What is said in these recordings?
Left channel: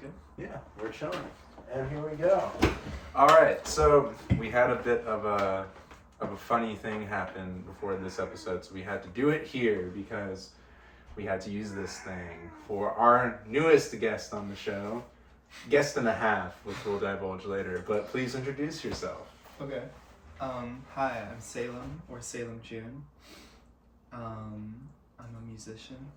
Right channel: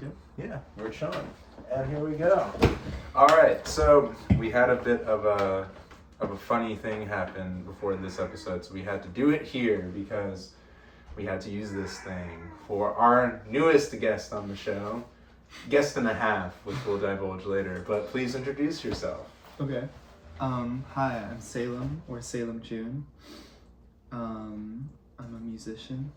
good? Yeah, we're chilling. And here we go. All right, so we had a bit of a funny thing happen before this episode, so we had to do it here because we had to use this thing for our newest guest on the show. Guest and a half, which we'll divulge later, but please introduce yourself. Okay. Hi, I'm Salem, or Salem June. I'm a musician.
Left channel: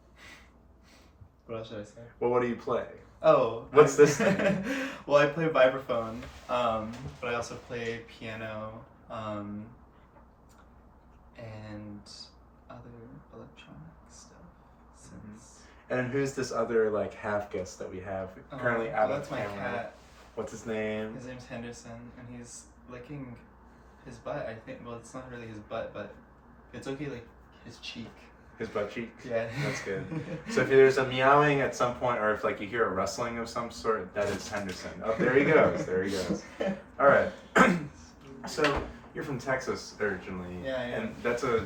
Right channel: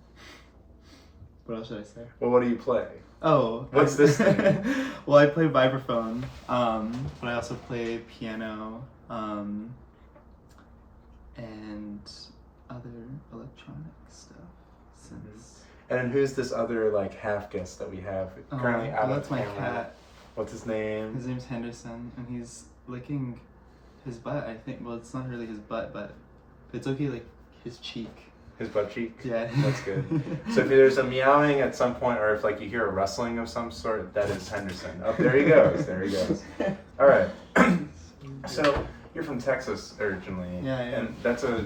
What else should I say? Well, what do you play? Oh. What's this thing? Well, I play vibraphone, but I also play piano, and other electronic stuff. Since. And who's this other, half guest that we have currently out that's on my camera? cat. What's his name? His name's Henderson, and he's licking his butt, I think. Well, it's not really his butt, but it's okay, his cheek. His butt cheek? Yeah. That's good. So if there's a meowing at some point, or if you hear a rustling of some sort, that is Henderson. Oh, there he goes. There he goes. All right. So you're from Texas originally. Yeah. And that's a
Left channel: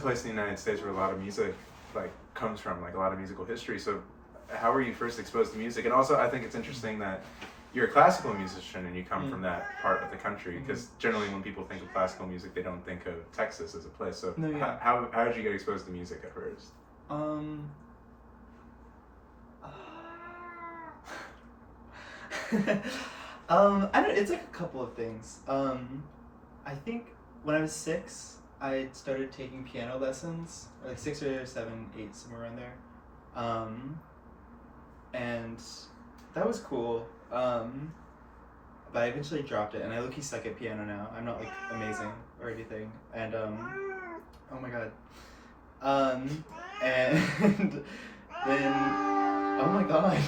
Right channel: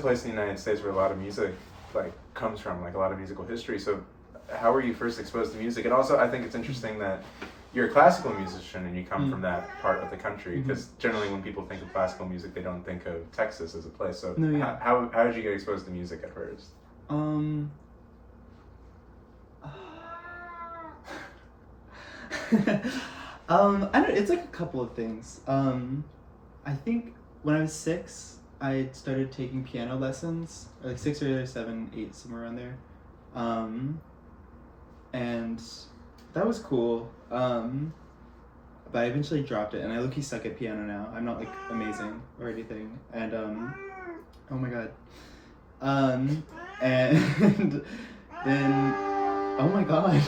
place in the United States where a lot of music comes from, a lot of musical history. So how were you first exposed to music? And also, I think it's interesting that you're a classical musician and you come from that part of the country, because generally when people think of classical music, they don't think of Texas as a place. So how did you get exposed to music at first? I don't. It's a couple of things. I think when I was 6, I started taking piano lessons, 6 or 7, 8, somewhere around there, and that was cool. But I eventually dropped it, and I low-key suck at piano now. I'm not amazing or anything, and oh my god, and then oh my god.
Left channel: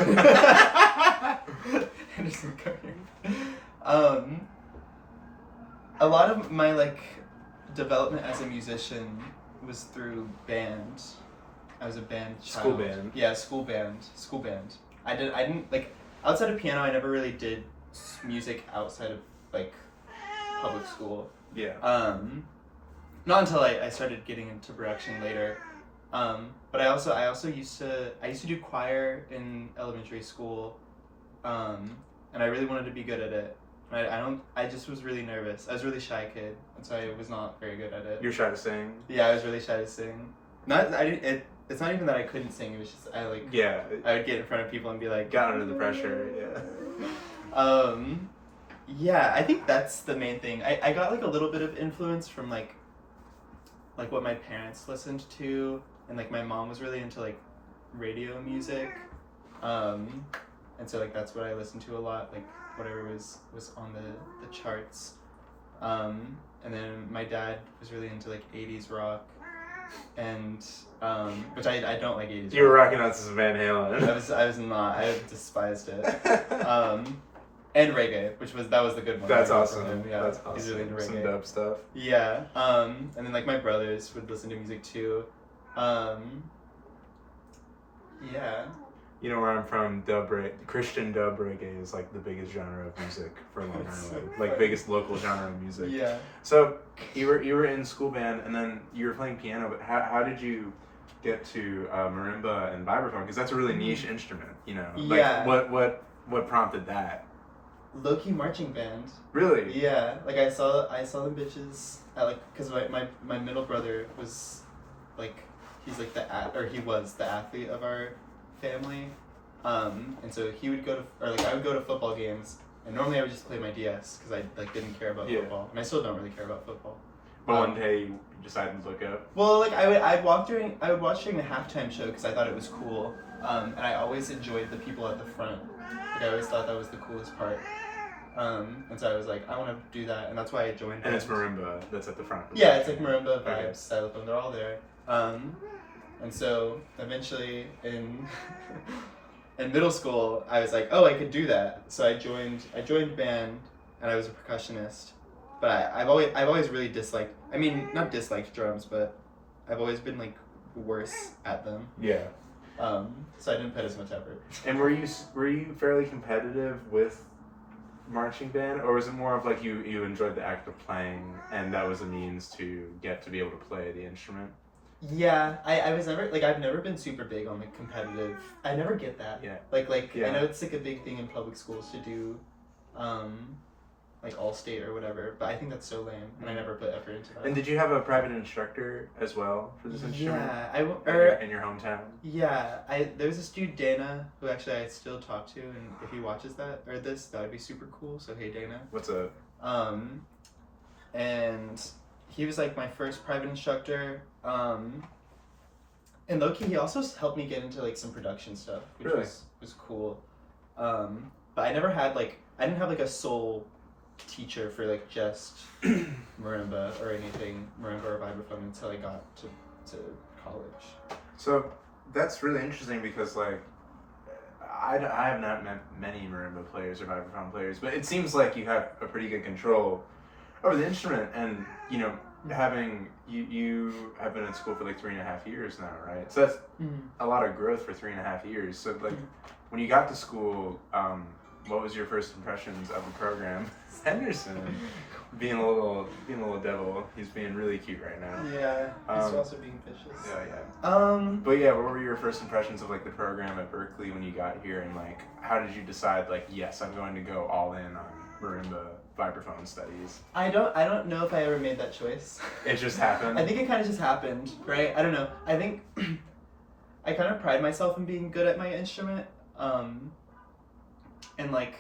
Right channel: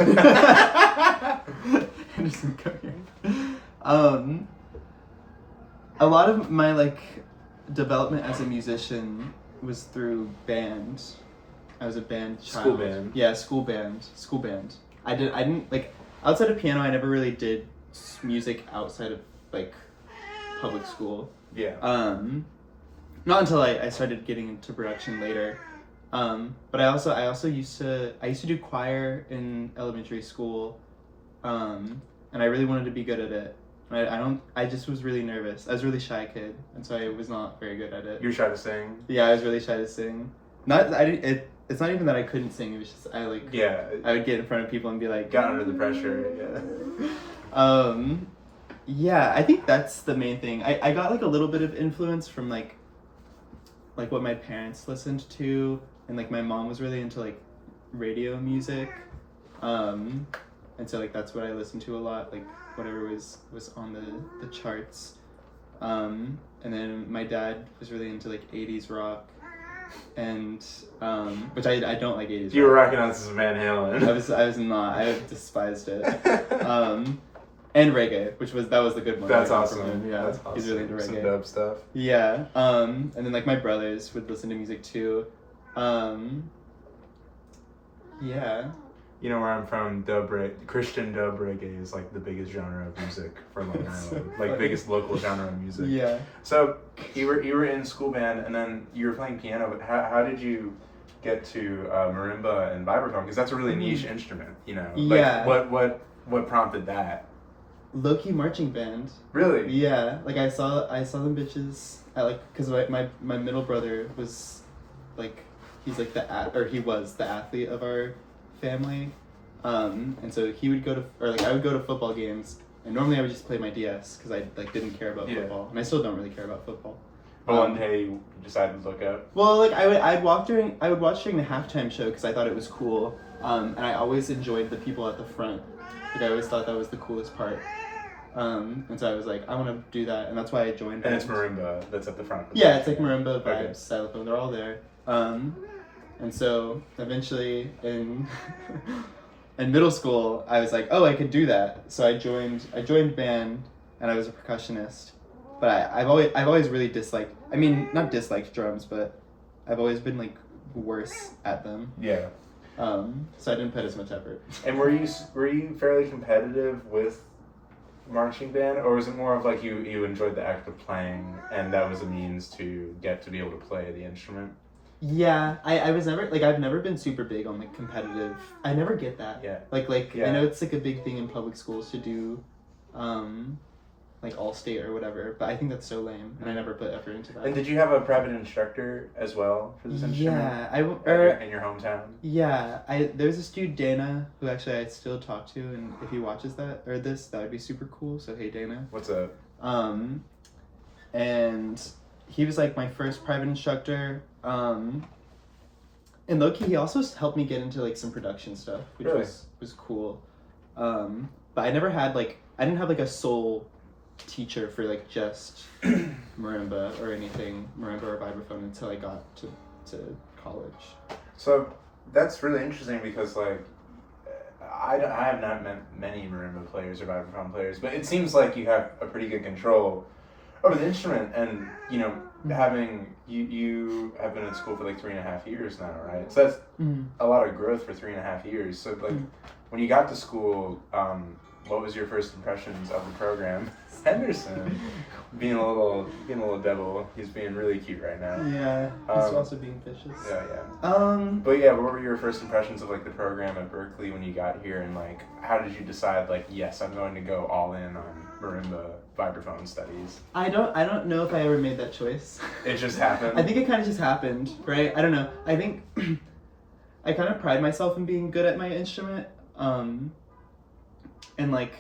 A lot of my development as a musician was through band. I was a band child. School band. Yeah, school band. I didn't outside of piano, I never really did music outside of public school. Yeah. Not until I started getting into production later. But I also used to do choir in elementary school. And I really wanted to be good at it. I just was really nervous. I was a really shy kid, and so I was not very good at it. You're shy to sing? Yeah, I was really shy to sing. It's not even that I couldn't sing, it was just I would get in front of people and be like, got under the pressure, yeah. Yeah, I think that's the main thing. I got a little bit of influence from what my parents listened to, and my mom was really into radio music. And so that's what I listened to a lot, whatever was on the charts. And then my dad was really into 80s rock, and which I don't like 80s rock. You were rocking out some Van Halen. I was not. I despised it. And reggae, that was the good one. That's awesome. Yeah, that's awesome. He's really into reggae. Some dub stuff. Yeah. And then my brothers would listen to music too. Yeah. You know where I'm from, Christian dub reggae is the biggest genre of music for Long Island. Biggest local genre of music. Yeah. So you were in school band, and then you were playing piano, but how did you get to marimba and vibraphone? Because that's a really niche instrument, Yeah. What prompted that? Low-key marching band. Really? Yeah. I saw them bitches at because my middle brother was he's he was the athlete of our family, and so he would go to I would go to football games, and normally I would just play my DS because I didn't care about football, and I still don't really care about football. But one day you decided to look up. Well, I would watch during the halftime show because I thought it was cool, and I always enjoyed the people at the front. I always thought that was the coolest part. And so I was I want to do that, and that's why I joined. And it's marimba that's at the front. Yeah, it's marimba, vibes, Okay. xylophone, they're all there. And so eventually in middle school, I was oh, I could do that. So I joined band, and I was a percussionist. But I've always really disliked. Not disliked drums, but I've always been worse at them. Yeah. So I didn't put as much effort. And were you fairly competitive with marching band, or was it more of you enjoyed the act of playing and that was a means to get to be able to play the instrument? Yeah, I was never like I've never been super big on like competitive. I never get that. Yeah. Like Yeah. I know it's like a big thing in public schools to do, like all state or whatever. But I think that's so lame, and I never put effort into that. And did you have a private instructor as well for this instrument? Yeah, in your hometown. Yeah, there's this dude Dana who actually I still talk to, and if he watches that or this, that would be super cool. So hey Dana. What's up? And he was like my first private instructor. And low-key, he also helped me get into like some production stuff, which really? was cool. But I never had like I didn't have like a sole teacher for like just marimba or anything, marimba or vibraphone until I got to college. So that's really interesting because like I have not met many marimba players or vibraphone players, but it seems like you have a pretty good control over the instrument, and you know, having you have been in school for like 3.5 years now, right? So that's a lot of growth for 3.5 years. So like when you got to school, what was your first impressions of the program? Henderson being a little devil. He's being really cute right now. Yeah, he's also being vicious. Yeah. But yeah, what were your first impressions of like the program at Berkeley when you got here, and like how did you decide like, yes, I'm going to go all in on marimba vibraphone studies? I don't know if I ever made that choice. It just happened. I think it kind of just happened, right? I don't know. I think I kind of pride myself in being good at my instrument, and like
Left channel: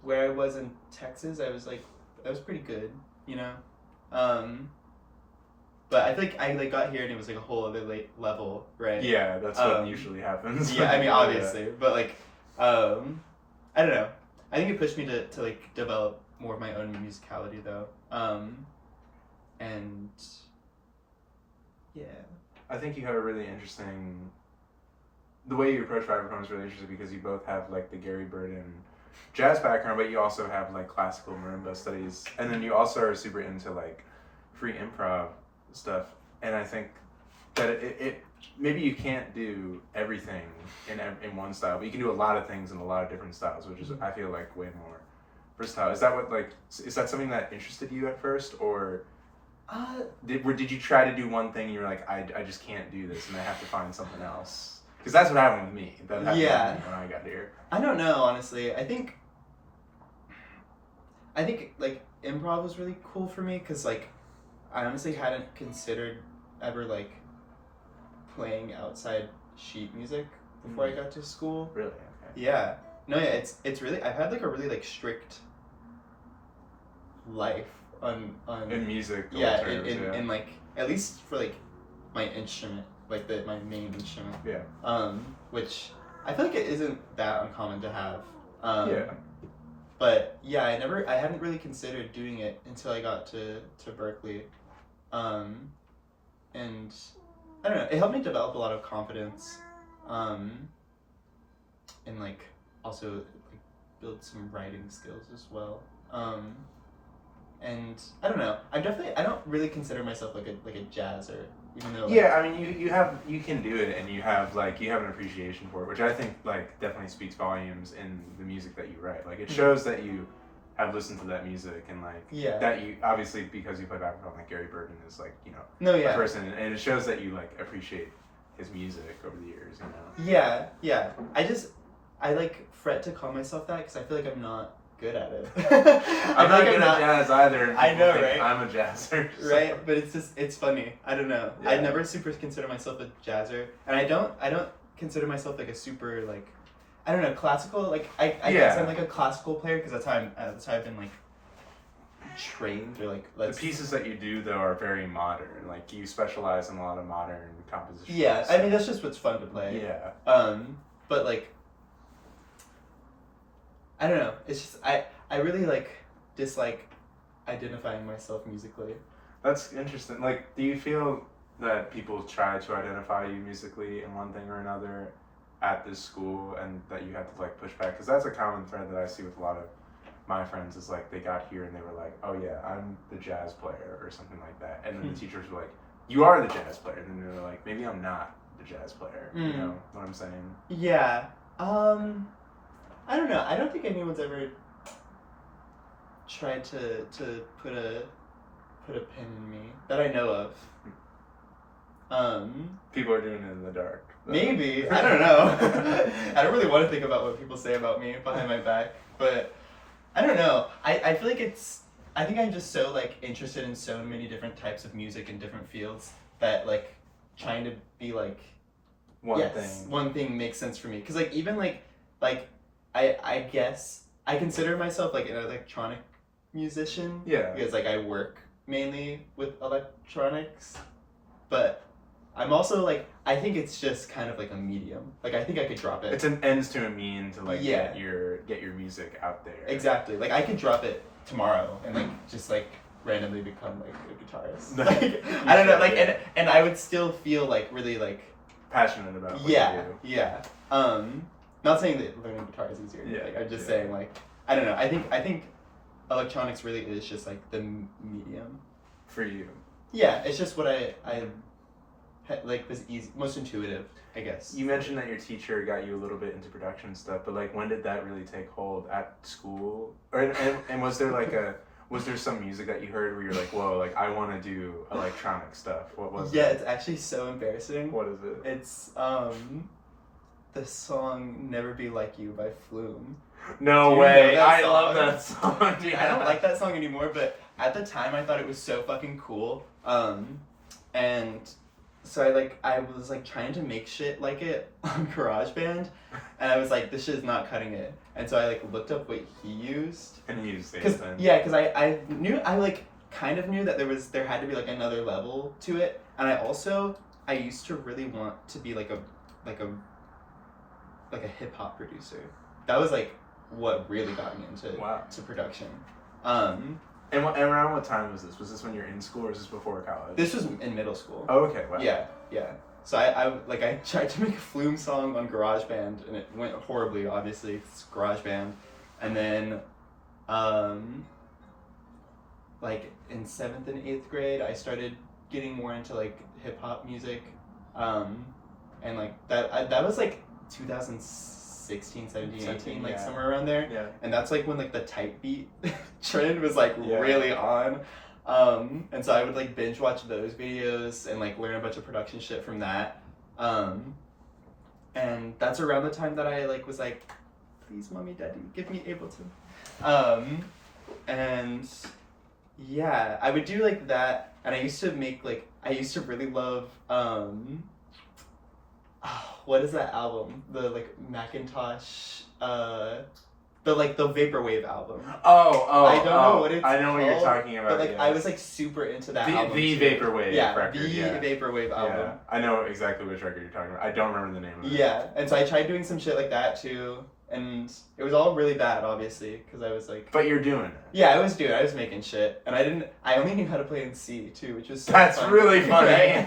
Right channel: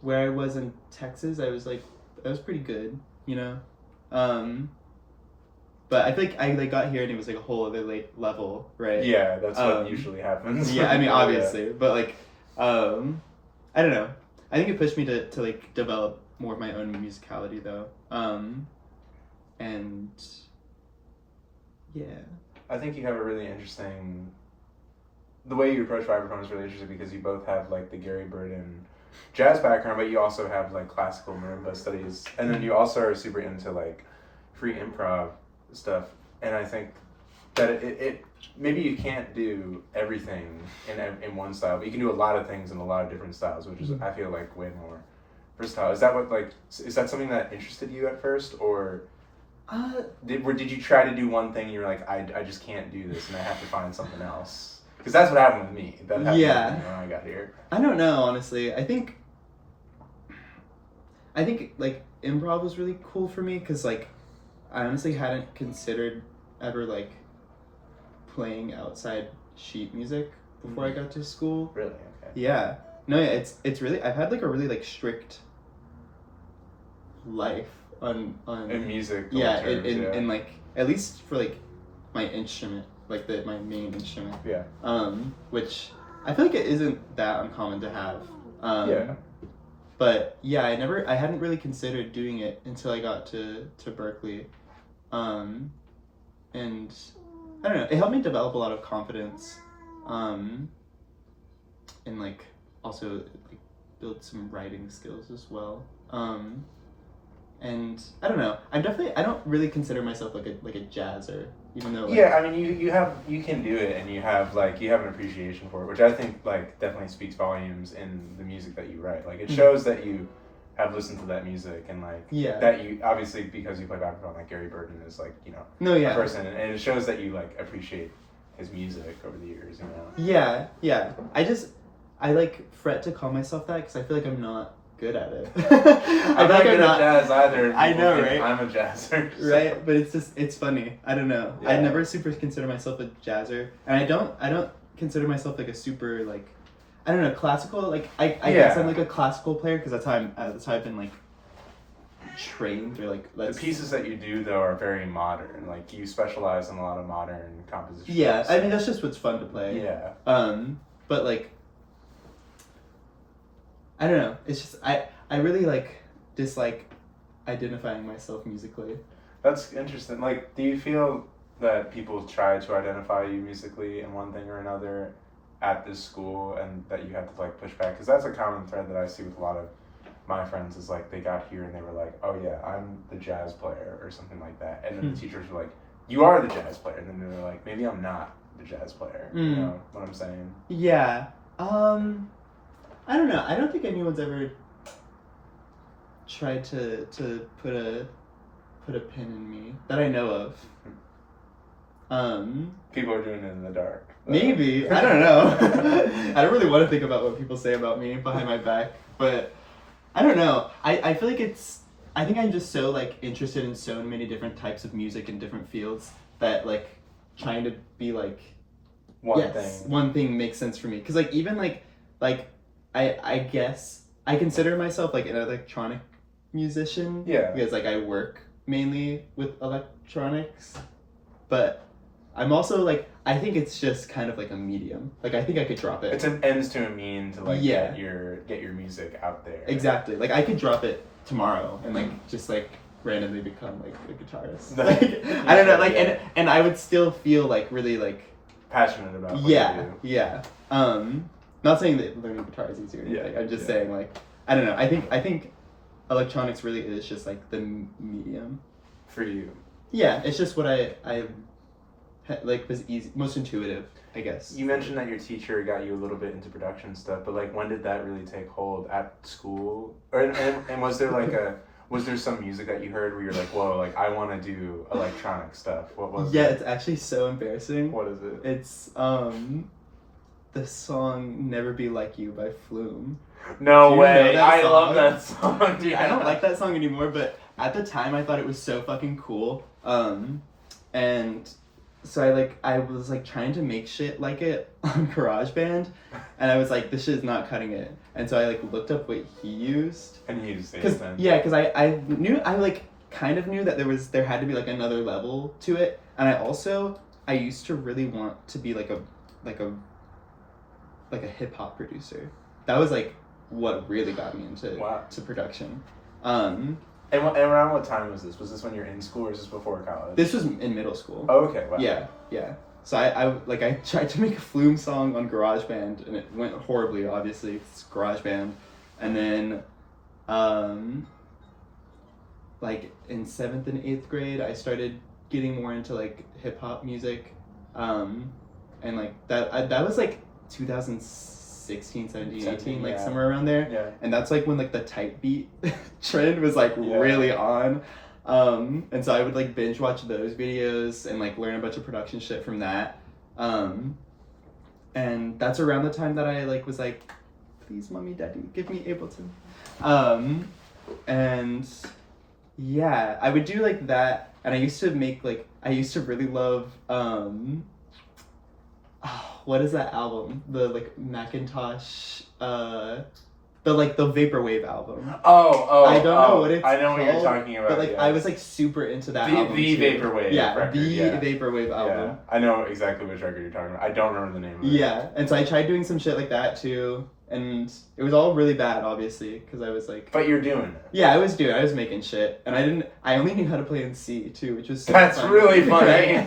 where I was in Texas, I was pretty good, you know. But I feel like I like got here and it was like a whole other level, right? Yeah, that's what usually happens. Yeah, I mean obviously, but like, I don't know. I think it pushed me to like develop more of my own musicality though, and yeah. I think you have a really interesting. The way you approach vibraphone is really interesting because you both have like the Gary Burden jazz background, but you also have like classical marimba studies, and then you also are super into like free improv stuff. And I think that it maybe you can't do everything in one style, but you can do a lot of things in a lot of different styles, which is I feel like way more versatile. Is that something that interested you at first, or did you try to do one thing and you're like, I just can't do this and I have to find something else? Because that's what happened with me. That happened with me when I got here. I don't know, honestly. I think like improv was really cool for me because like I honestly hadn't considered ever like playing outside sheet music before I got to school. Really? Okay. Yeah. No, yeah, it's really I've had like a really like strict life on in music. Yeah, in like at least for like my instrument, like my main instrument. Yeah. Which I feel like it isn't that uncommon to have. Yeah. But yeah, I hadn't really considered doing it until I got to Berkeley. And I don't know, it helped me develop a lot of confidence. And like also like build some writing skills as well. And I don't know, I don't really consider myself like a jazzer, even though yeah, I mean you can do it, and you have an appreciation for it, which I think like definitely speaks volumes in the music that you write. Like it shows that you have listened to that music, and like that you obviously, because you play background, like Gary Burden is like, you know, a person, and it shows that you like appreciate his music over the years, you know. Yeah. I like fret to call myself that because I feel like I'm not good at it. I'm not good at jazz either. I know, right? I'm a jazzer. So. Right, but it's funny. I don't know. Yeah. I never super consider myself a jazzer, and I don't consider myself like a super like, I don't know, classical. Like I guess I'm like a classical player because that's how I've been like trained, or like the pieces that you do though are very modern. Like you specialize in a lot of modern compositions. Yeah, I mean that's just what's fun to play. Yeah. But like, I don't know. It's just I really like dislike identifying myself musically. That's interesting. Like, do you feel that people try to identify you musically in one thing or another at this school, and that you have to like push back? Because that's a common thread that I see with a lot of my friends, is like they got here and they were like, oh yeah, I'm the jazz player or something like that, and then the teachers were like, you are the jazz player, and then they were like, maybe I'm not the jazz player. You know what I'm saying? Yeah. I don't know. I don't think anyone's ever tried to put a pin in me that I know of. People are doing it in the dark. Maybe. I don't know. I don't really want to think about what people say about me behind my back, but I don't know. I feel like I think I'm just so like interested in so many different types of music in different fields that like trying to be like one thing makes sense for me. Cause like even like I guess I consider myself like an electronic musician. Yeah. Because like I work mainly with electronics, but I'm also like I think it's just kind of like a medium. Like I think I could drop it. It's an ends to a mean to like get your music out there. Exactly. Like I could drop it tomorrow and like just like randomly become like a guitarist. Like, I don't know. Like and I would still feel like really like passionate about what you do. Yeah. Not saying that learning guitar is easier. Yeah. Like, I'm just saying like I don't know. I think electronics really is just like the medium for you. Yeah, it's just what I like was easy, most intuitive, I guess. You mentioned that your teacher got you a little bit into production stuff, but like when did that really take hold at school? Or and was there like was there some music that you heard where you're like, whoa, like I want to do electronic stuff? What was it? Yeah, it's actually so embarrassing. What is it? It's the song "Never Be Like You" by Flume. No way! I love that song. Dude, I don't like that song anymore, but at the time I thought it was so fucking cool. And so I was like trying to make shit like it on GarageBand, and I was like, this shit is not cutting it. And so I like looked up what he used. And you used it then. Yeah, because I like kind of knew that there had to be like another level to it, and I used to really want to be like a hip hop producer. That was like what really got me into to production. And around what time was this? Was this when you're in school or is this before college? This was in middle school. Oh, okay. Wow. Yeah. So I tried to make a Flume song on GarageBand and it went horribly, obviously. It's GarageBand. And then like in 7th and 8th grade, I started getting more into like hip hop music. And like that was like 2016, 17, 18, like somewhere around there. Yeah. And that's like when like the type beat trend was like really on. And so I would like binge watch those videos and like learn a bunch of production shit from that. And that's around the time that I like was like, please mommy, daddy, give me Ableton. And yeah, I would do like that. And I used to really love, what is that album? The like Macintosh, the Vaporwave album. I don't know what it's I know called, what you're talking about. But like I was like super into that album. The too. Vaporwave record. The Vaporwave album. Yeah. I know exactly which record you're talking about. I don't remember the name of it. Yeah, and so I tried doing some shit like that too, and it was all really bad, obviously, because I was like. But you're doing it. Yeah, I was making shit, and I only knew how to play in C too, which was. So That's fun. really funny.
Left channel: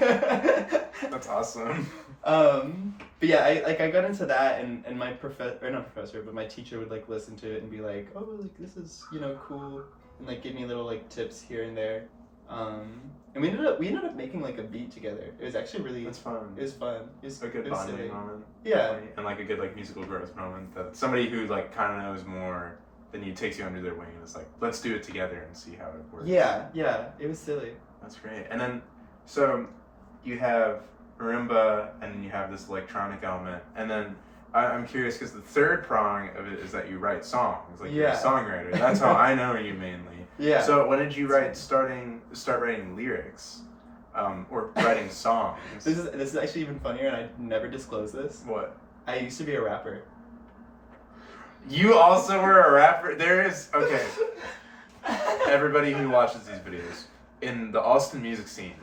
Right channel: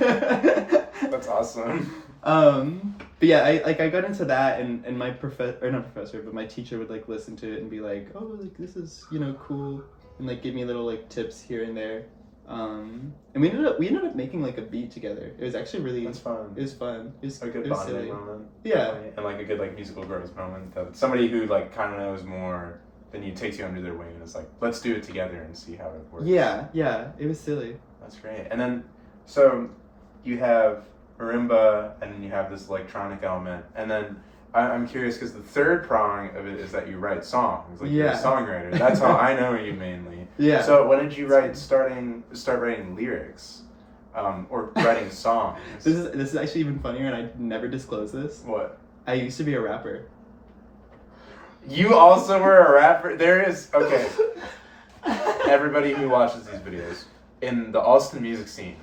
That's awesome. But yeah, I got into that, and my my teacher would like listen to it and be like, oh, like this is cool, and like give me little like tips here and there, and we ended up making like a beat together. It was actually really. That's fun. It was fun. It was a good bonding moment. Yeah, definitely. And like a good like musical growth moment. That somebody who like kind of knows more than you takes you under their wing and is like, let's do it together and see how it works. Yeah, it was silly. That's great. And then, so you have marimba, and then you have this electronic element, and then I'm curious because the third prong of it is that you write songs, like you're a songwriter. That's how I know you mainly. Yeah. So when did you start writing lyrics, or writing songs? This is actually even funnier, and I never disclosed this. What? I used to be a rapper. You also were a rapper. Okay. Everybody who watches these videos in the Austin music scene,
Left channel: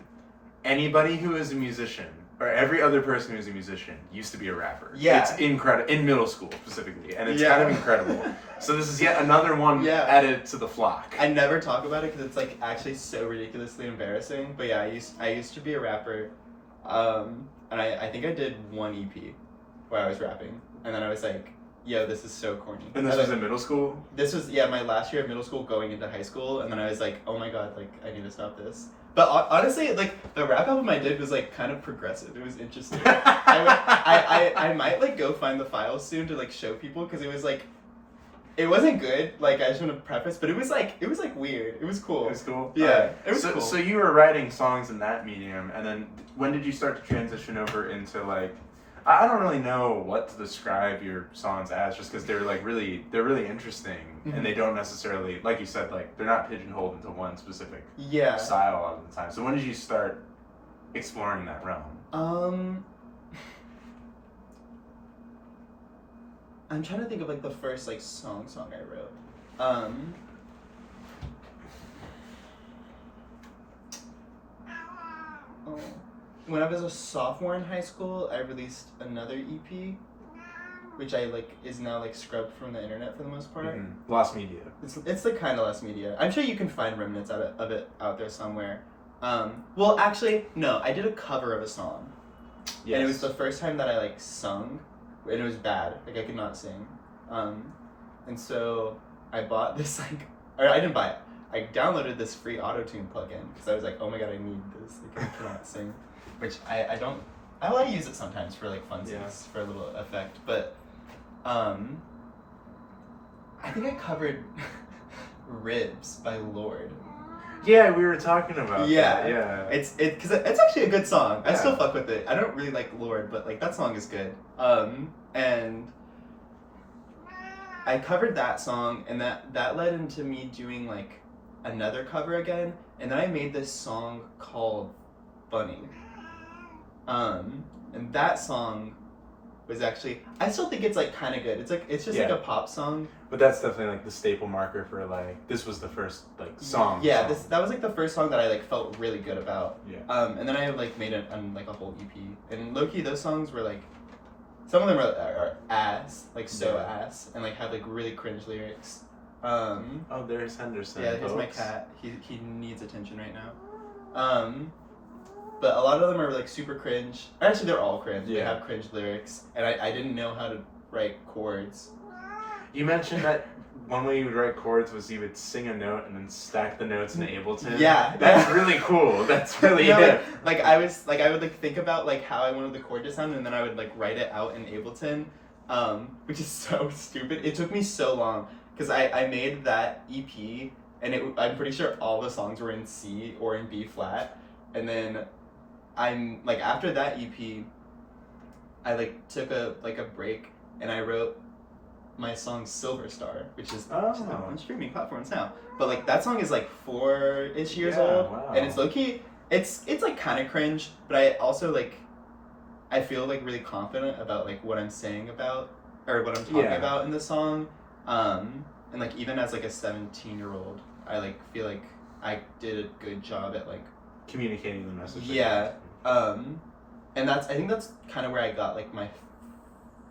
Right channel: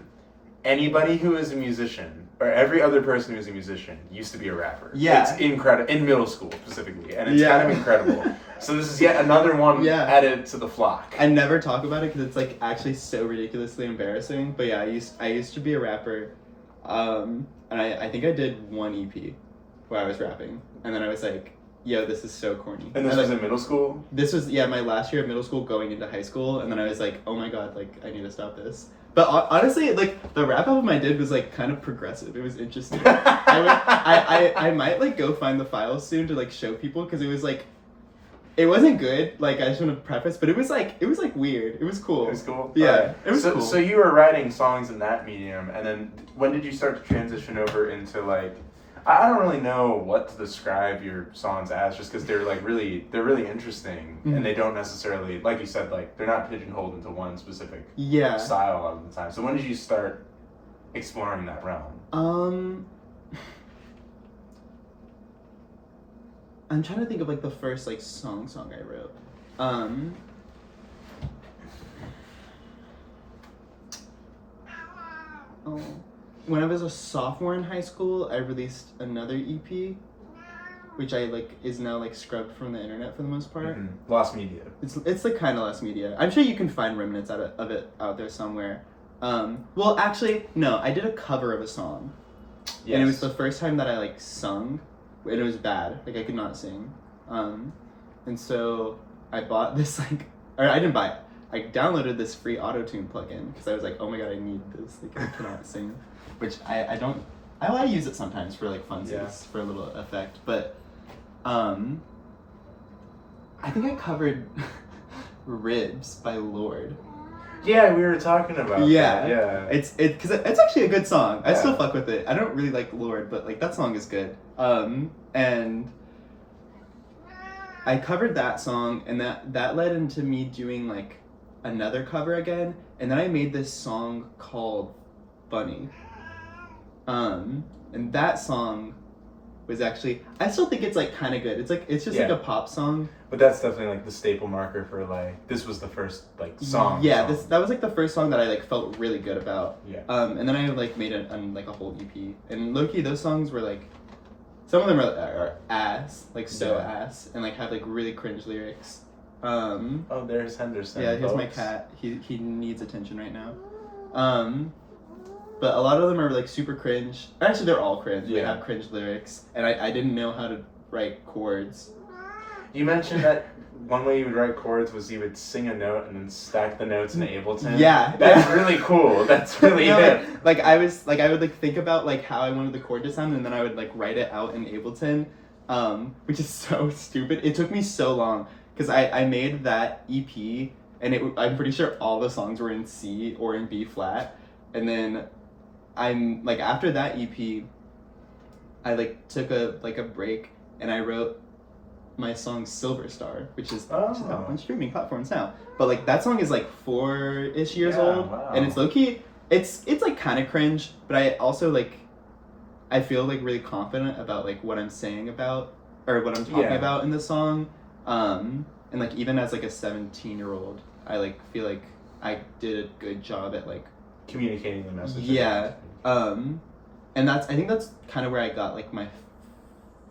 anybody who is a musician, or every other person who's a musician, used to be a rapper. Yeah. It's incredible. In middle school, specifically. And it's kind of incredible. So this is yet another one added to the flock. I never talk about it because it's like actually so ridiculously embarrassing. But yeah, I used to be a rapper. And I think I did one EP where I was rapping. And then I was like, yo, this is so corny. And this was in middle school? This was, my last year of middle school going into high school. And then I was like, oh my god, like, I need to stop this. But honestly, like, the rap album I did was, like, kind of progressive. It was interesting. I might, like, go find the files soon to, like, show people, because it was, like, It wasn't good, like I shouldn't have prefaced, but it was like weird. It was cool. It was cool? Yeah, it was cool. So you were writing songs in that medium, and then when did you start to transition over into like, I don't really know what to describe your songs as, just because they're really interesting, and they don't necessarily, like you said, like they're not pigeonholed into one specific style a lot of the time. So when did you start exploring that realm? I'm trying to think of like the first like song I wrote. When I was a sophomore in high school, I released another EP, which I like is now like scrubbed from the internet for the most part. Lost media. It's like kind of lost media. I'm sure you can find remnants of it out there somewhere. Well, actually, no. I did a cover of a song, and it was the first time that I like sung. And it was bad. Like, I could not sing. And so I bought this, like... Or I didn't buy it. I downloaded this free auto-tune plugin. Because I was like, oh my god, I need this. Like, I cannot sing. Which I don't... I like to use it sometimes for, like, funsies. For a little effect. But, I think I covered Ribs by Lord. Yeah, we were talking about that. Yeah. It's actually a good song. I still fuck with it. I don't really like Lord, but like that song is good. And I covered that song, and that led into me doing like another cover again, and then I made this song called Bunny. And that song was actually, I still think it's like kind of good. It's just like a pop song. But that's definitely like the staple marker for like, this was the first like song. Yeah, that was like the first song that I like felt really good about. Yeah. And then I like made like a whole EP, and low key those songs were like, some of them are ass, like ass, and like have like really cringe lyrics. Oh, there's Henderson. Yeah, here's my cat. He needs attention right now. But a lot of them are like super cringe. Actually, they're all cringe. Yeah. They have cringe lyrics, and I didn't know how to write chords. You mentioned that one way you would write chords was you would sing a note and then stack the notes in Ableton. Yeah, that's really cool. That's really hip. Like I would like think about like how I wanted the chord to sound, and then I would like write it out in Ableton, which is so stupid. It took me so long because I made that EP, and I'm pretty sure all the songs were in C or in B flat, and then I'm like after that EP, I like took a break, and I wrote my song Silver Star, which is out on streaming platforms now. But like that song is like 4-ish years old, and it's low key. It's like kind of cringe, but I also like I feel like really confident about like what I'm saying about or what I'm talking about in the song. And like even as like a 17-year-old, I like feel like I did a good job at like communicating the message. Yeah. And I think that's kind of where I got like my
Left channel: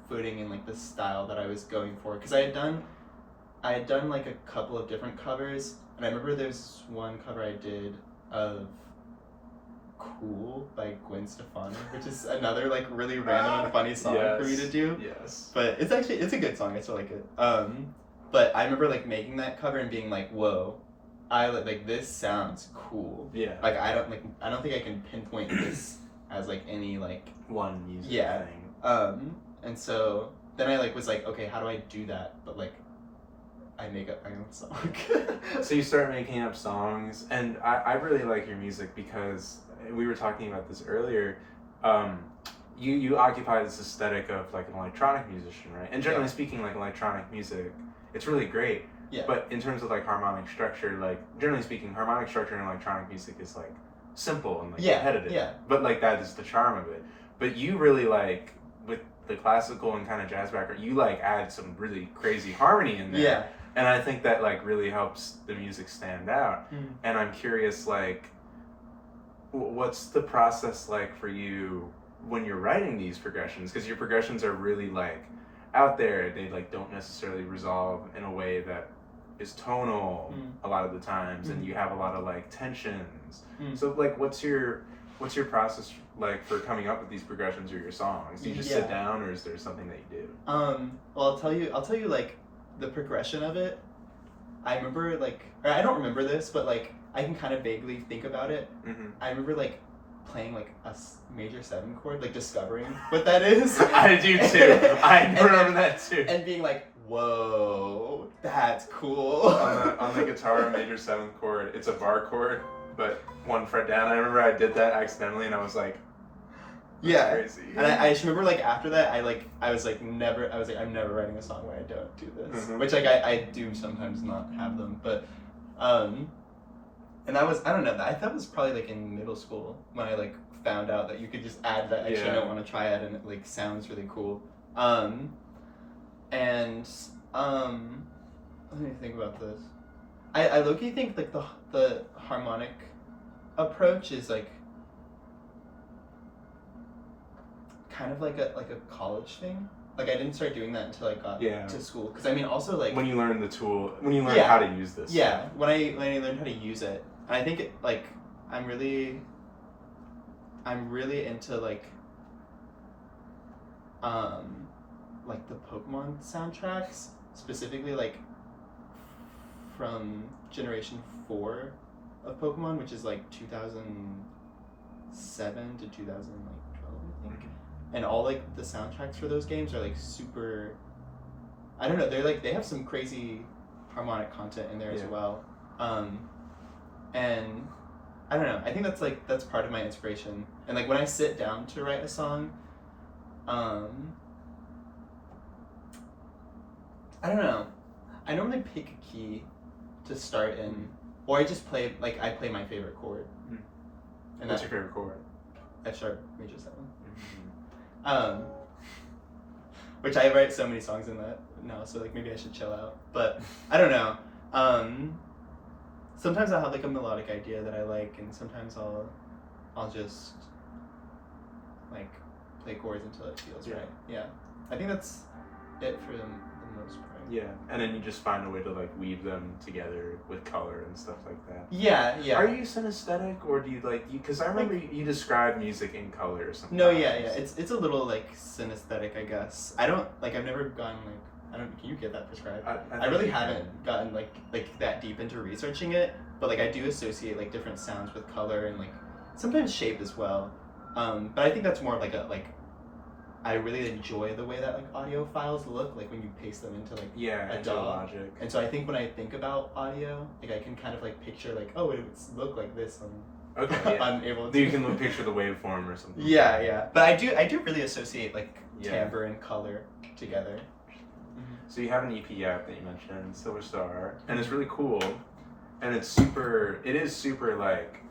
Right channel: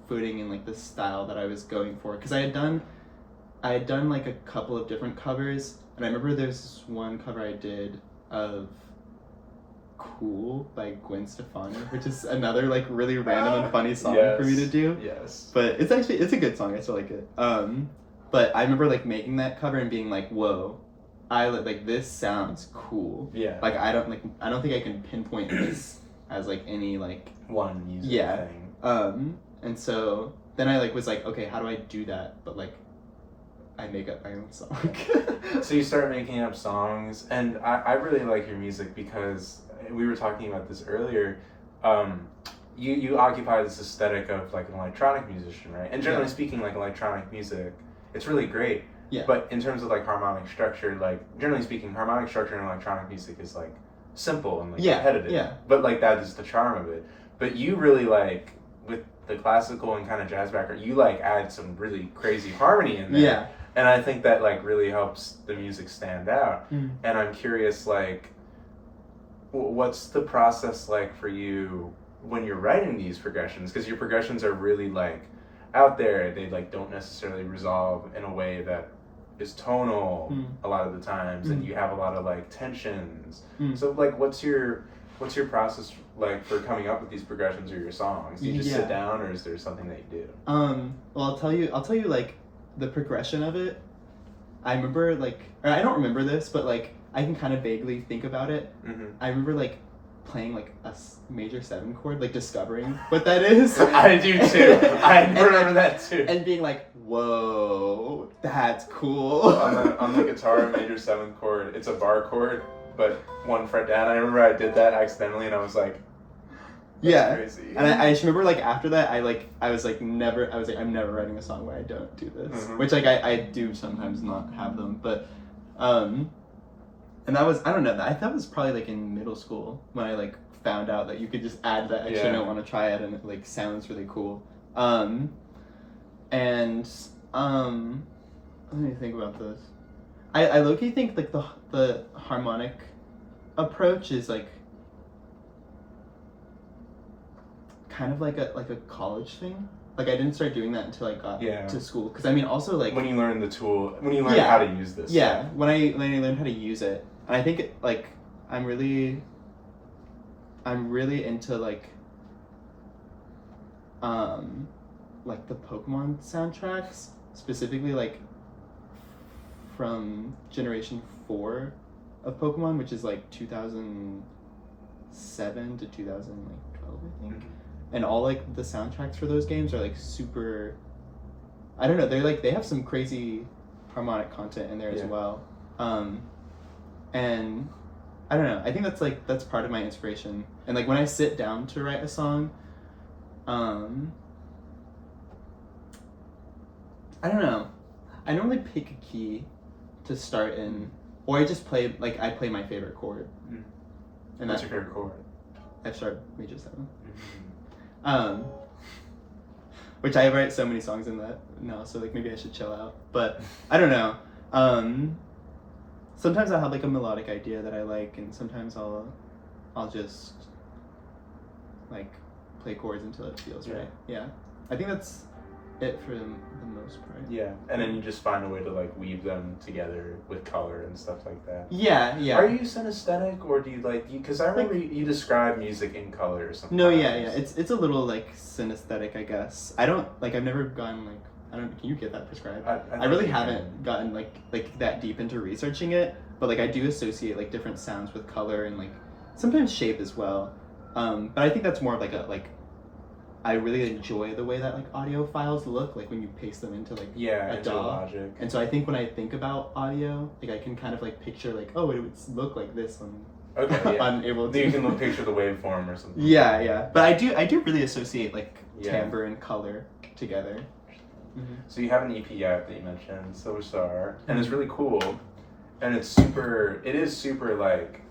footing in like the style that I was going for, because I had done like a couple of different covers, and I remember there's one cover I did of Cool by Gwen Stefani, which is another like really random and funny song for me to do. Yes. But it's a good song. I still like it. But I remember like making that cover and being like, whoa, I like this sounds cool. Yeah. Like I don't think I can pinpoint this as like any like one music thing. And so then I like was like, okay, how do I do that? But like, I make up my own song. So you start making up songs, and I really like your music because we were talking about this earlier. You occupy this aesthetic of like an electronic musician, right? And generally speaking, like electronic music, it's really great. Yeah. But in terms of like harmonic structure, like generally speaking, harmonic structure in electronic music is like simple and like repetitive. Yeah. But like that is the charm of it. But you really like with the classical and kind of jazz background, you like add some really crazy harmony in there. Yeah. And I think that like really helps the music stand out. Mm-hmm. And I'm curious, like, what's the process like for you when you're writing these progressions? Because your progressions are really like out there. They like don't necessarily resolve in a way that is tonal a lot of the times, and you have a lot of like tensions. So like, what's your process like for coming up with these progressions or your songs? Do you just sit down, or is there something that you do? Well, I'll tell you like the progression of it. I remember like, or I don't remember this, but like I can kind of vaguely think about it. I remember like playing like a major 7 chord, like discovering what that is. I do too. I remember that too. And being like, whoa, That's cool. on the guitar, major 7th chord, it's a bar chord, but 1 fret down. I remember I did that accidentally, and I was like, yeah, crazy. And I just remember like after that, I was like I'm never writing a song when I don't do this, which like I do sometimes not have them, but and that was, I don't know, that was probably like in middle school when I like found out that you could just add that extra note on a triad and it like sounds really cool. And let me think about this. I low-key think like the harmonic approach is like kind of like a college thing. Like I didn't start doing that until I got to school. Because I mean, also like when you learn the tool, when you learn how to use this. Yeah, when I learned how to use it, and I think it, like I'm really into like the Pokemon soundtracks, specifically like from Generation 4 of Pokemon, which is like 2007 to 2012, I think. And all like the soundtracks for those games are like super, I don't know, they're like, they have some crazy harmonic content in there as well. And I don't know, I think that's part of my inspiration. And like when I sit down to write a song, I don't know, I normally pick a key to start in, or I just play, like I play my favorite chord. And what's your favorite chord? F sharp major 7. Which I write so many songs in that now, so like maybe I should chill out. But I don't know. Sometimes I'll have like a melodic idea that I like, and sometimes I'll just like play chords until it feels right. Yeah, I think that's it for the most part. Yeah, and then you just find a way to like weave them together with color and stuff like that. Yeah. Are you synesthetic, or do you like? Because I remember you describe music in color or something. No, yeah. It's a little like synesthetic, I guess. I don't like. I've never gone like. I don't. Can you get that prescribed? I really haven't gotten like that deep into researching it, but like I do associate like different sounds with color and like sometimes shape as well. But I think that's more of like I really enjoy the way that like audio files look, like when you paste them into like a DAW. Logic. And so I think when I think about audio, like I can kind of like picture like, oh, it would look like this on Ableton. You can picture the waveform or something. Yeah. But I do really associate like timbre and color together. So you have an EP out that you mentioned, Silver Star, and it's really cool, and it is super like,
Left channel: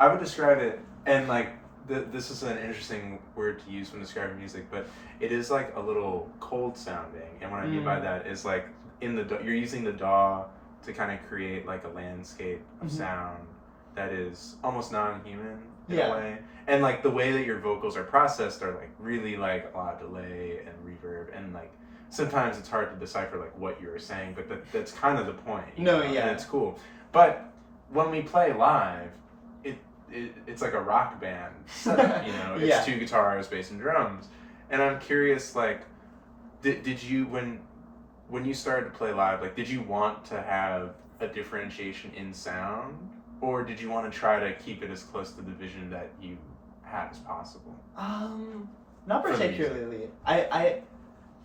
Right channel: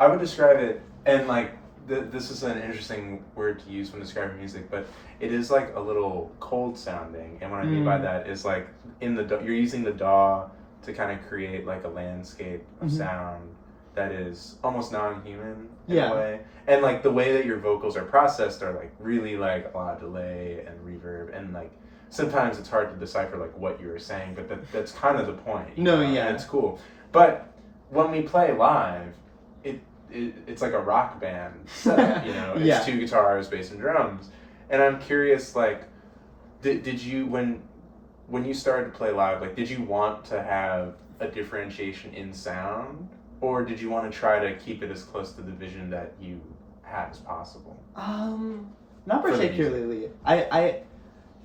I would describe it, and like this is an interesting word to use when describing music, but it is like a little cold sounding, and what I mean by that is like you're using the DAW to kind of create like a landscape of sound that is almost non-human in a way, and like the way that your vocals are processed are like really like a lot of delay and reverb, and like sometimes it's hard to decipher like what you were saying, but that's kind of the point. And it's cool. But when we play live, it's like a rock band setup, you know. It's 2 guitars, bass, and drums. And I'm curious, like, did you when you started to play live, like, did you want to have a differentiation in sound, or did you want to try to keep it as close to the vision that you had as possible? Not particularly.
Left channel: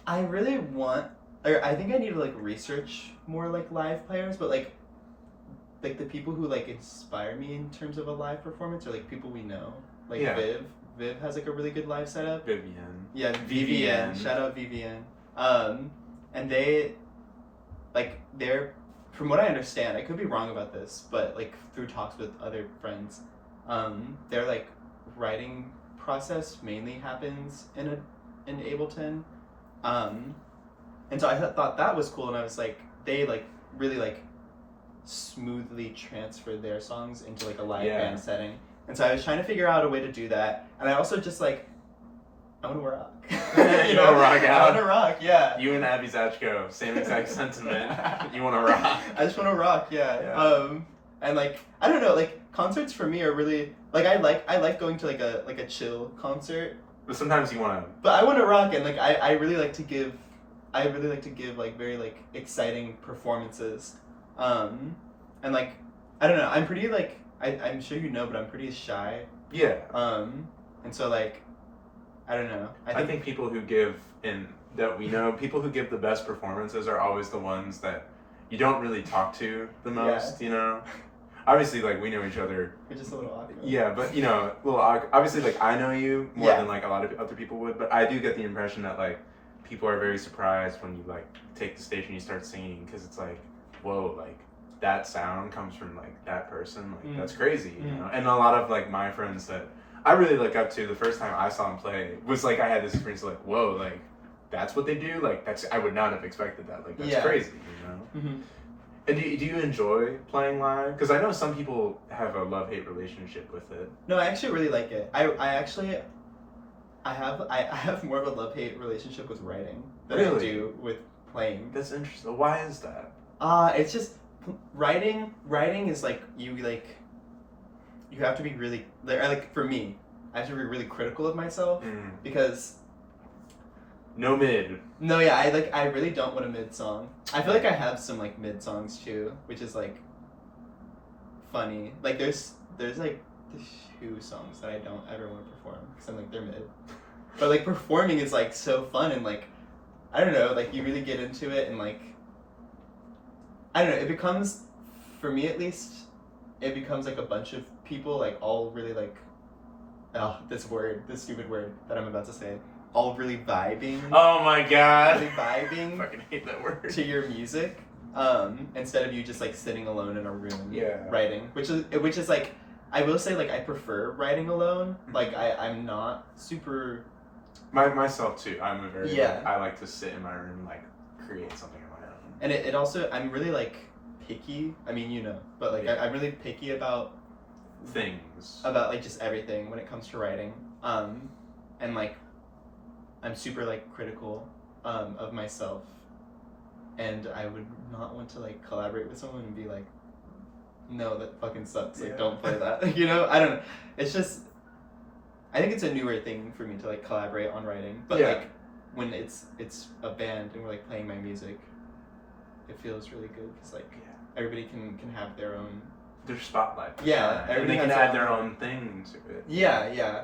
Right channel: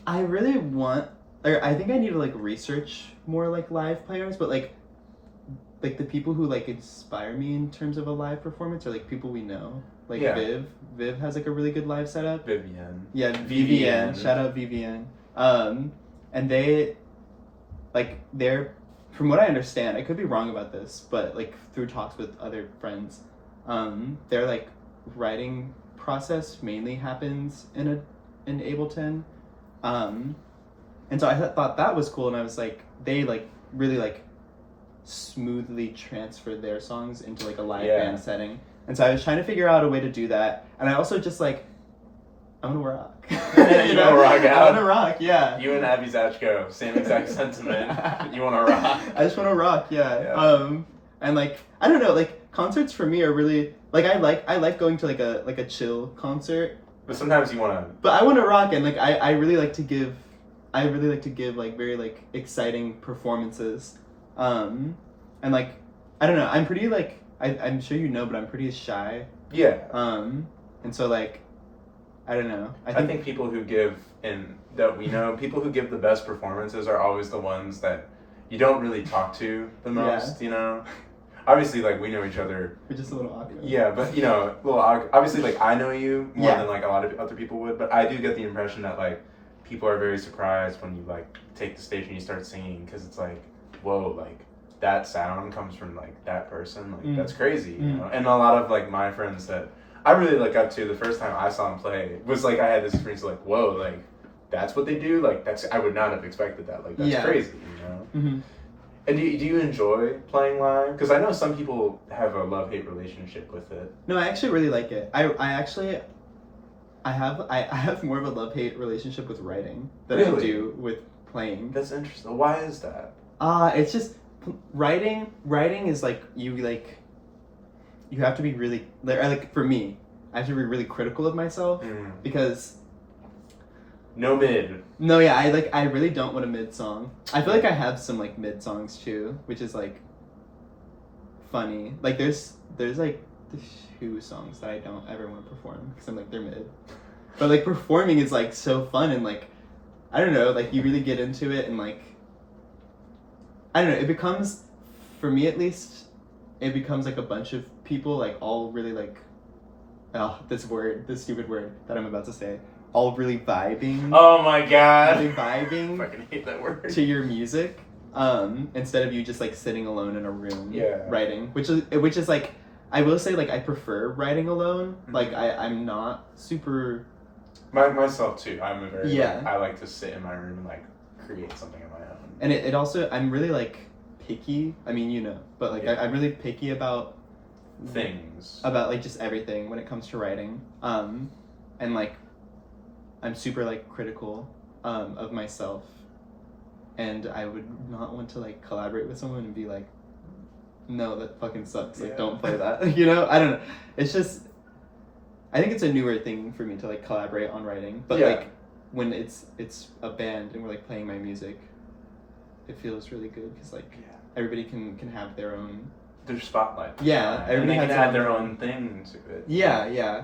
I really want, or I think I need to like research more like live players, but like the people who like inspire me in terms of a live performance are like people we know. Like Viv has like a really good live setup. Vivian. Yeah, Vivian. Shout out Vivian. And they're from what I understand, I could be wrong about this, but like through talks with other friends, their like writing process mainly happens in Ableton. And so I thought that was cool, and I was like, they like really like smoothly transferred their songs into like a live band setting, and so I was trying to figure out a way to do that, and I also just like, I want to rock. You want to rock out? I want to rock, yeah. You and Abby Zachko, same exact sentiment. You want to rock? I just want to rock, yeah. And like, I don't know, like concerts for me are really like I like going to like a chill concert. But sometimes you want to. But I want to rock, and like I really like to give like very like exciting performances, and like I don't know, I'm pretty like I'm sure you know, but I'm pretty shy. Yeah. And so like I don't know. I think people who give people who give the best performances are always the ones that you don't really talk to the most, you know? Obviously, like, we know each other. We're just a little awkward. Yeah, but, you know, well, obviously, like, I know you more Yeah. than, like, a lot of other people would, but I do get the impression that, like, people are very surprised when you, like, take the stage and you start singing, because it's like, whoa, like, that sound comes from, like, that person, like, that's crazy, you know? And a lot of, like, my friends that I really look up to, the first time I saw him play, was, like, I had this experience of, like, whoa, like, that's what they do? Like, I would not have expected that. Like, that's crazy, you know? Mm-hmm. And do you enjoy playing live? Because I know some people have a love-hate relationship with it. No, I actually really like it. I have more of a love-hate relationship with writing than I do with playing. That's interesting. Why is that? It's just writing is like you have to be really like for me, I have to be really critical of myself because no mid. No, yeah, I really don't want a mid song. I feel like I have some like mid songs too, which is like funny. Like there's like 2 songs that I don't ever want to perform because I'm like they're mid. But like performing is like so fun and like I don't know, like you really get into it and like I don't know, it becomes, for me at least, it becomes like a bunch of people like all really like this stupid word that I'm about to say, all really vibing. Oh my god. Really vibing. I fucking hate that word. To your music, instead of you just like sitting alone in a room writing, which is like, I will say like I prefer writing alone. Like I'm not super. Myself too. I'm a very I like to sit in my room and like create something on my own. And it also, I'm really like picky. I mean, you know, but like I'm really picky about things. About like just everything when it comes to writing. And like I'm super like critical of myself, and I would not want to like collaborate with someone and be like, no, that fucking sucks. Like don't play that. You know, I don't know. It's just, I think it's a newer thing for me to like collaborate on writing, but like when it's a band and we're like playing my music, it feels really good because like everybody can have their own spotlight. Yeah, and they can add their own thing to it. Yeah.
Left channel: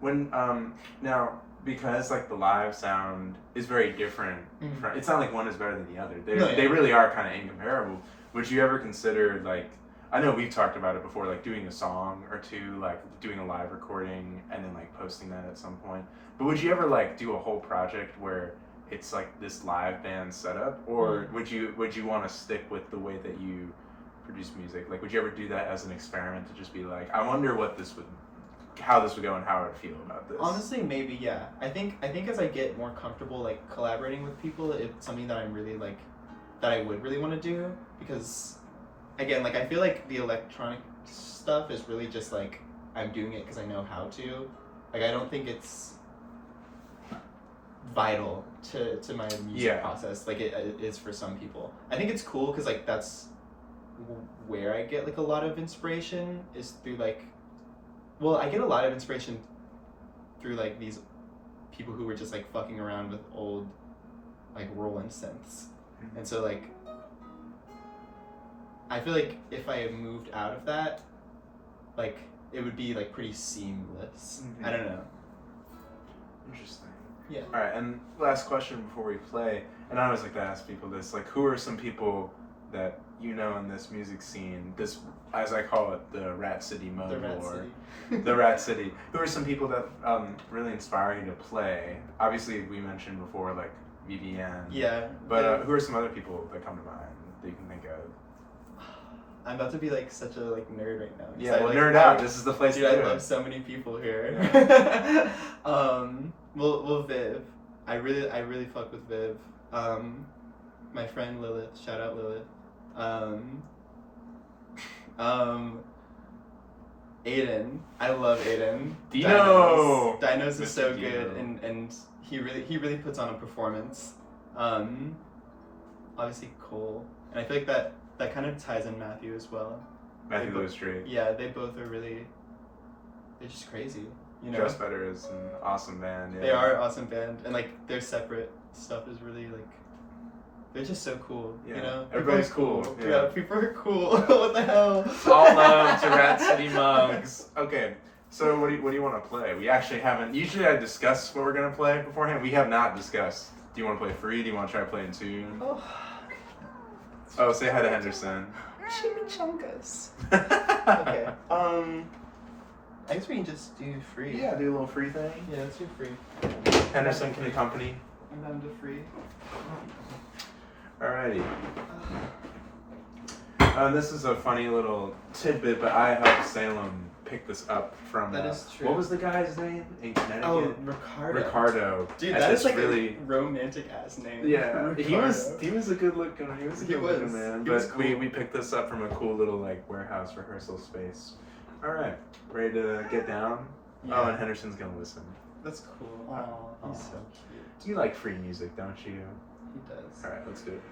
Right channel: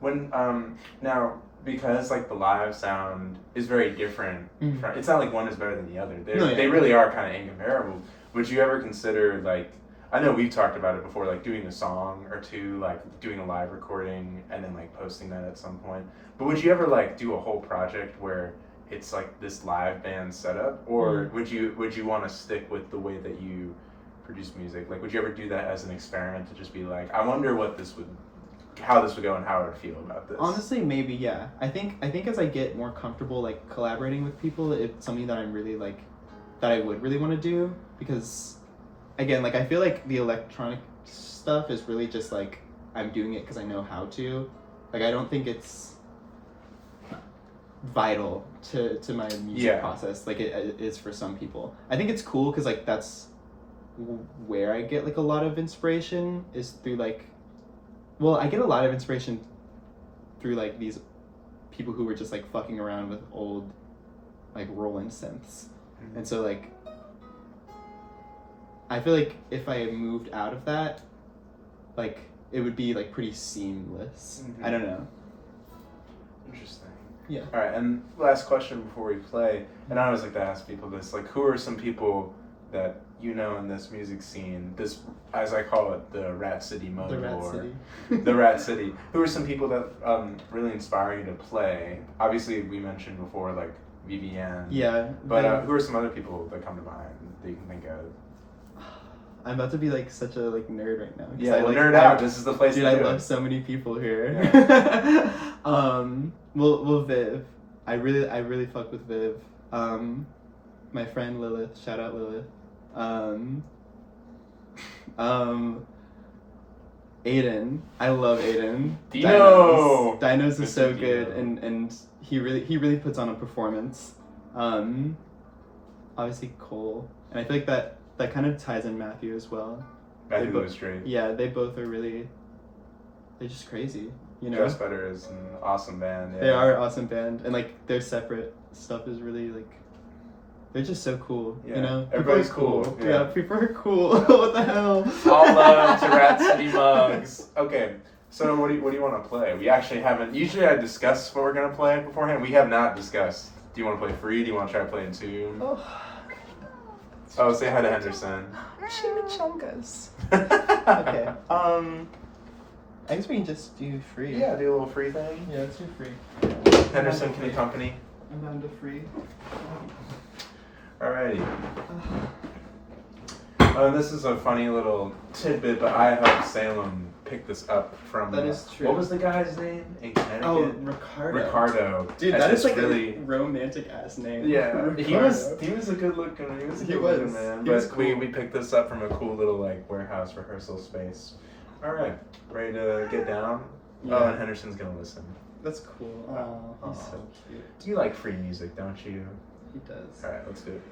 When now, because like the live sound is very different, it's not like one is better than the other. They really are kind of incomparable. Would you ever consider, like, I know we've talked about it before, like doing a song or two, like doing a live recording and then like posting that at some point, but would you ever like do a whole project where it's like this live band setup, or would you want to stick with the way that you produce music? Like, would you ever do that as an experiment to just be like, I wonder how this would go and how I would feel about this? Honestly, maybe, yeah. I think as I get more comfortable like collaborating with people, it's something that I'm really like, that I would really want to do, because again, like I feel like the electronic stuff is really just like I'm doing it because I know how to. Like I don't think it's vital to my music process like it is for some people. I think it's cool because like that's where I get like a lot of inspiration is through like, well, I get a lot of inspiration through like these people who were just like fucking around with old like Roland synths. And so like I feel like if I moved out of that, like it would be like pretty seamless. I don't know. Interesting. Yeah. All right, and last question before we play, and I always like to ask people this, like, who are some people that you know in this music scene, this, as I call it, the Rat City mode, the Rat City. Who are some people that really inspire you to play? Obviously, we mentioned before, like, Vivienne. Yeah. But who are some other people that come to mind that you can think of? I'm about to be like such a like nerd right now. Yeah, well, nerd out. This is the place to do it. I love so many people here. Well, Viv. I really fuck with Viv. My friend Lilith. Shout out Lilith. Aiden. I love Aiden. Dinos is so good, and he really puts on a performance. Obviously Cole, and I feel like that kind of ties in Matthew as well. Matthew Lewis Drake. Yeah, they both are really. They're just crazy, you know. Dress Better is an awesome band. Yeah. They are an awesome band, and like their separate stuff is really like. They're just so cool, you know. Everybody's cool. Yeah, people are cool. What the hell? All love to Rat City Mugs. Okay, so what do you want to play? We actually haven't. Usually, I discuss what we're gonna play beforehand. We have not discussed Do you want to play free? Do you want to try playing tune? Oh, say hi to Henderson. chimichangas. Okay. I guess we can just do free. Yeah, do a little free thing. Yeah, let's do free. Henderson can accompany. I'm down to free. Alrighty. This is a funny little tidbit, but I helped Salem pick this up from. That is true. What was the guy's name in Connecticut? Oh, Ricardo. Ricardo. Dude, that is like really a romantic ass name. Yeah, Ricardo. he was a good looking man. He was But cool. we picked this up from a cool little like warehouse rehearsal space. All right, ready to get down? Yeah. Oh, and Henderson's gonna listen. That's cool. Aw, he's so cute. You like free music, don't you? He does. All right, let's do it.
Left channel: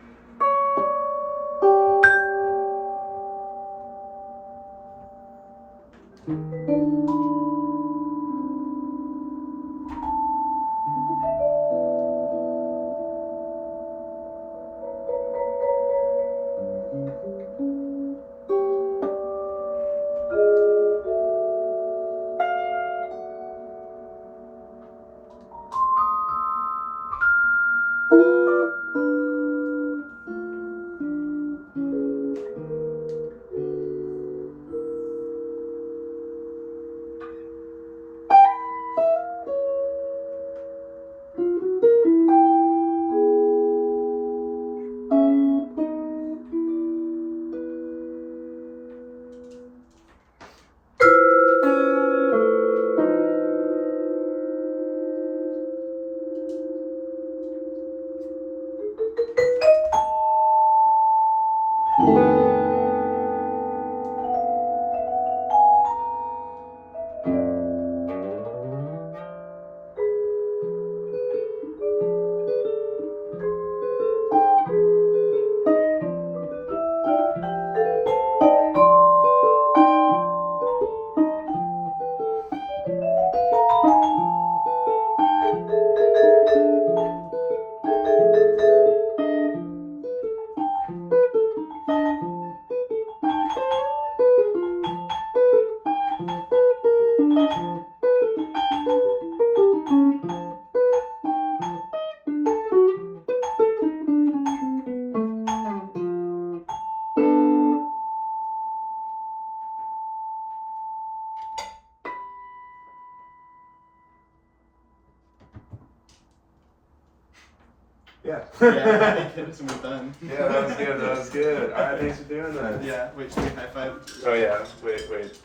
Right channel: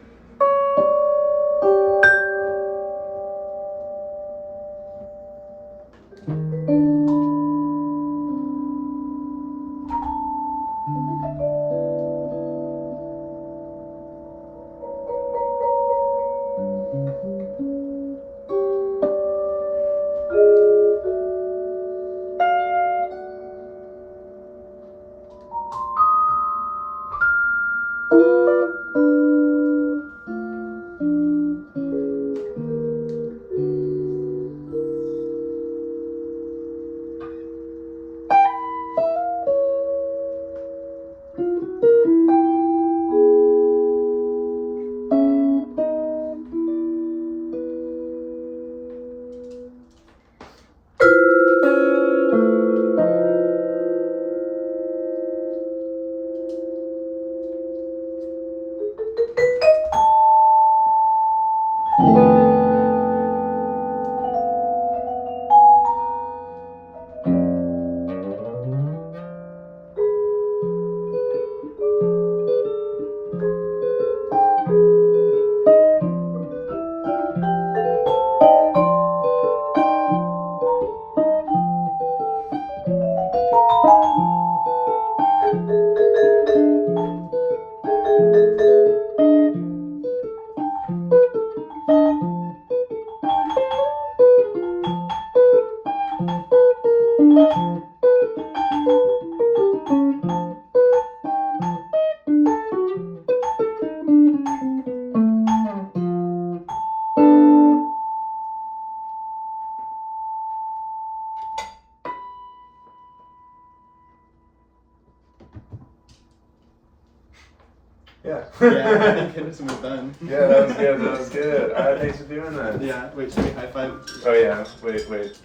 Yeah. Yeah, I think Henderson was done. Yeah, that was good. That was good. All right, thanks for doing that. Yeah. Wait, should we high five? Oh yeah. Wait.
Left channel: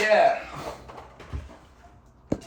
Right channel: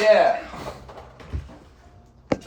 Yeah.